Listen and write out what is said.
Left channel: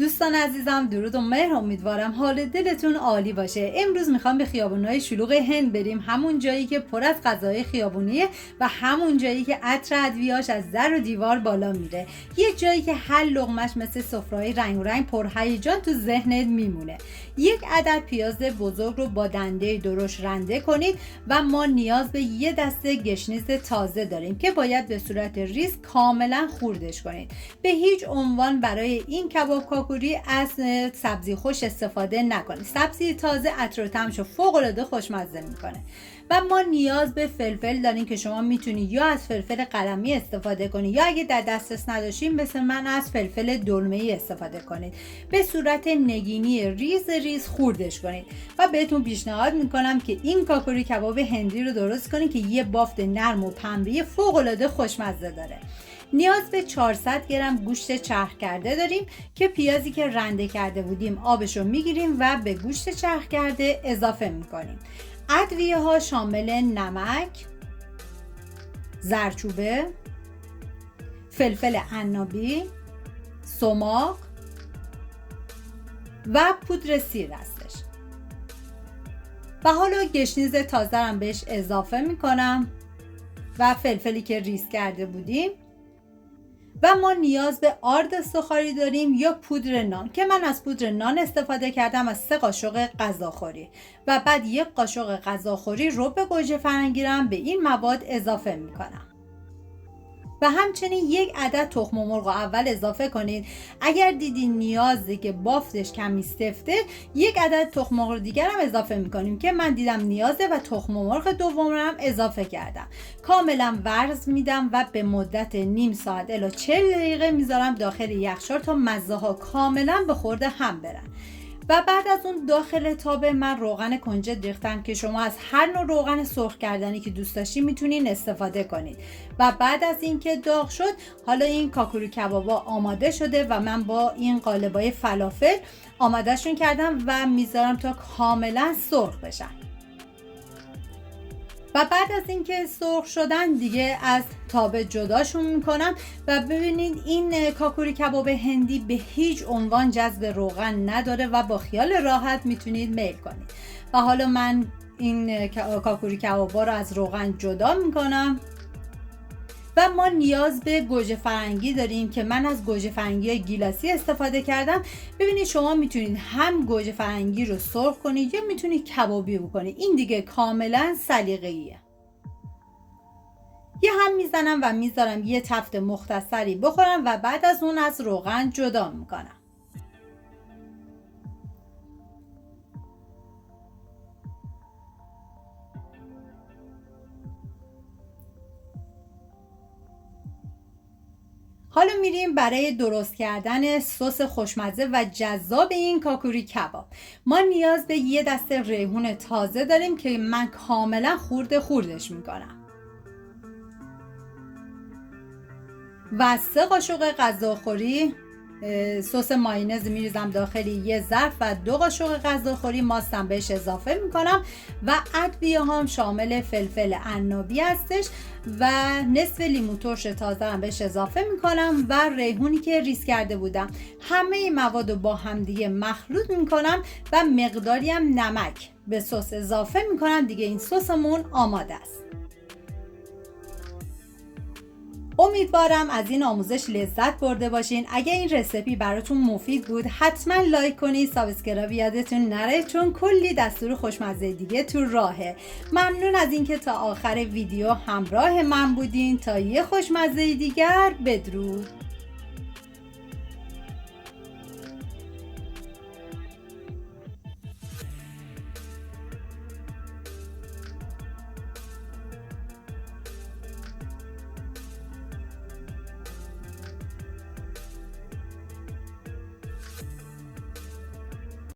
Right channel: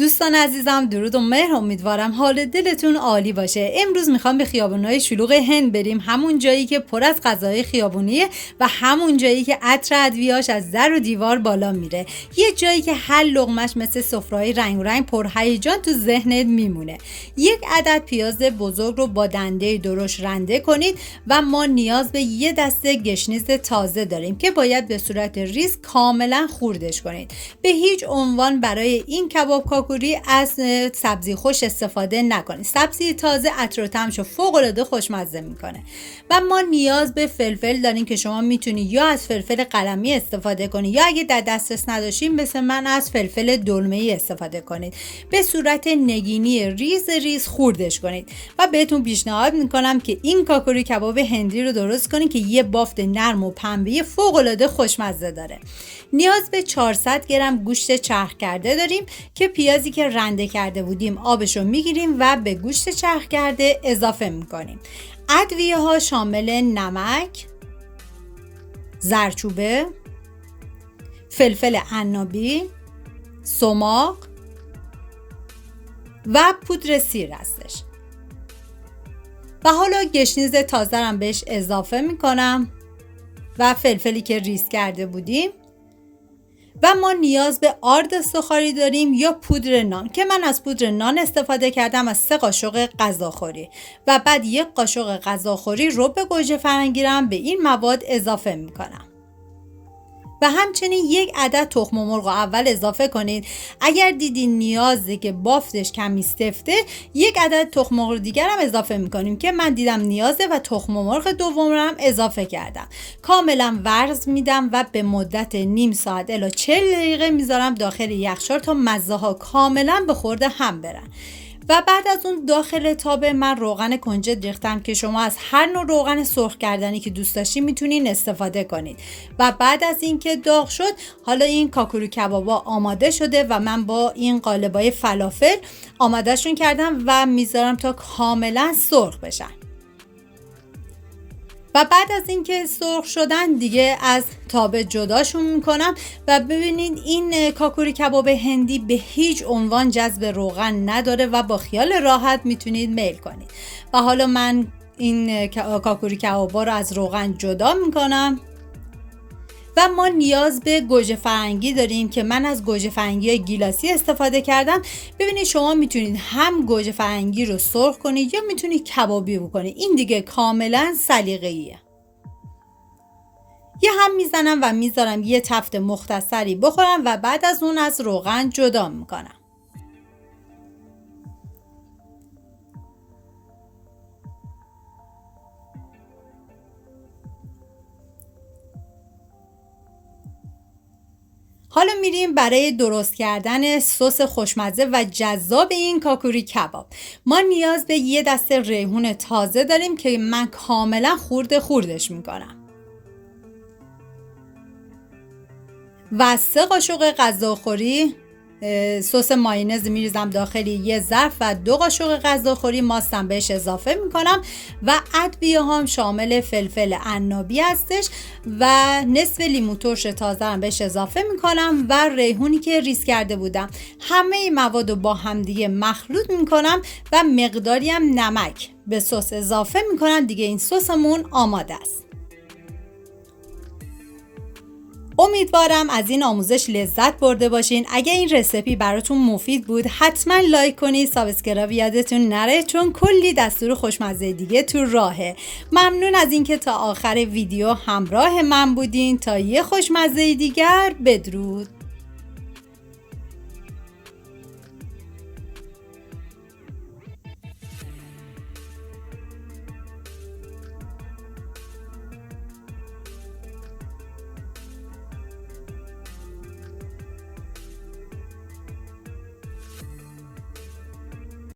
دوستان عزیزم درود و مهر، امیدوارم حال دلتون عالی باشه. امروز میخوام به خیابونای شلوغ هند بریم، همون جایی که پر از غذاهای خیابونیه و همون جایی که عطر ادویه‌اش از در و دیوار بالا میره. یه جایی که هر لقمه‌اش مثل سفره‌های رنگ پرهیجان تو ذهنت میمونه. یک عدد پیاز بزرگ رو با دنده درشت رنده کنید و ما نیاز به یه دسته گشنیز تازه داریم که باید به صورت ریز کاملا خوردش کنید. به هیچ عنوان برای این کباب کاکوری از سبزی خوش استفاده نکنید. سبزی تازه عطر و طعمشو فوق‌العاده خوشمزه میکنه. و ما نیاز به فلفل داریم که شما میتونید یا از فلفل قلمی استفاده کنید یا اگه در دسترس نداشتین مثل من از فلفل دلمه‌ای استفاده کنید. به صورت نگینی ریز خوردش کنید و بهتون پیشنهاد میکنم که این کاکوری کباب هندی رو درست کنید که یه بافت نرم و پنبه‌ای فوق‌العاده خوشمزه داره. نیاز به 400 گرم گوشت چرخ کرده داریم که پیازی که رنده کرده بودیم آبشو میگیریم و به گوشت چرخ کرده اضافه میکنیم. ادویه ها شامل نمک، زردچوبه، فلفل عنابی، سماق و پودر سیر هستش. و حالا گشنیز تازه هم بهش اضافه میکنم و فلفلی که ریز کرده بودیم. و ما نیاز به آرد سوخاری داریم یا پودر نان که من از پودر نان استفاده کردم از 3 قاشق غذاخوری و بعد 1 قاشق غذاخوری رب گوجه فرنگی رو به این مواد اضافه میکنم. و همچنین 1 عدد تخم مرغ اول اضافه کنید. اگر دیدین نیازی که بافتش کمی سفته 1 عدد تخم مرغ دیگر هم اضافه میکنیم که من دیدم نیازه و تخم مرغ دوم رو هم اضافه کردم. کاملا ورز میدم و به مدت نیم ساعت الی 40 دقیقه میذارم داخل یخچال تا مزه ها کاملا به خورد هم برن. و بعد از اون داخل تابه من روغن کنجد ریختم که شما از هر نوع روغن سرخ کردنی که دوست داشتین میتونین استفاده کنید. و بعد از اینکه داغ شد حالا این کاکوری کبابا آماده شده و من با این قالبای فلافل آمادهشون کردم و میذارم تا کاملا سرخ بشن. و بعد از اینکه سرخ شدن دیگه از تابه جداشون میکنم و ببینید این کاکوری کباب هندی به هیچ عنوان جذب روغن نداره و با خیال راحت میتونید میل کنید. و حالا من این کاکوری کبابا رو از روغن جدا میکنم. و ما نیاز به گوجه فرنگی داریم که من از گوجه فرنگی گیلاسی استفاده کردم. ببینید شما میتونید هم گوجه فرنگی رو سرخ کنید یا میتونید کبابی بکنید. این دیگه کاملا سلیقه‌ایه. یه هم میزنم و میذارم یه تفت مختصری بخورم و بعد از اون از روغن جدا میکنم. حالا میریم برای درست کردن سس خوشمزه و جذاب این کاکوری کباب. ما نیاز به یه دسته ریحون تازه داریم که من کاملا خوردش میکنم. و 3 قاشق غذاخوری سس مایونز میریزم داخل یه ظرف و 2 قاشق غذاخوری ماستم بهش اضافه میکنم و ادویه هم شامل فلفل عنابی هستش و نصف لیمو ترش تازه هم بهش اضافه میکنم و ریحونی که ریز کرده بودم. همه این مواد رو با هم دیگه مخلوط میکنم و مقداری هم نمک به سس اضافه میکنم. دیگه این سسمون آماده است. امیدوارم از این آموزش لذت برده باشین. اگه این رسیپی براتون مفید بود حتما لایک کنید، سابسکرایب یادتون نره چون کلی دستور خوشمزه دیگه تو راهه. ممنون از اینکه تا آخر ویدیو همراه من بودین. تا یه خوشمزه دیگر، بدرود.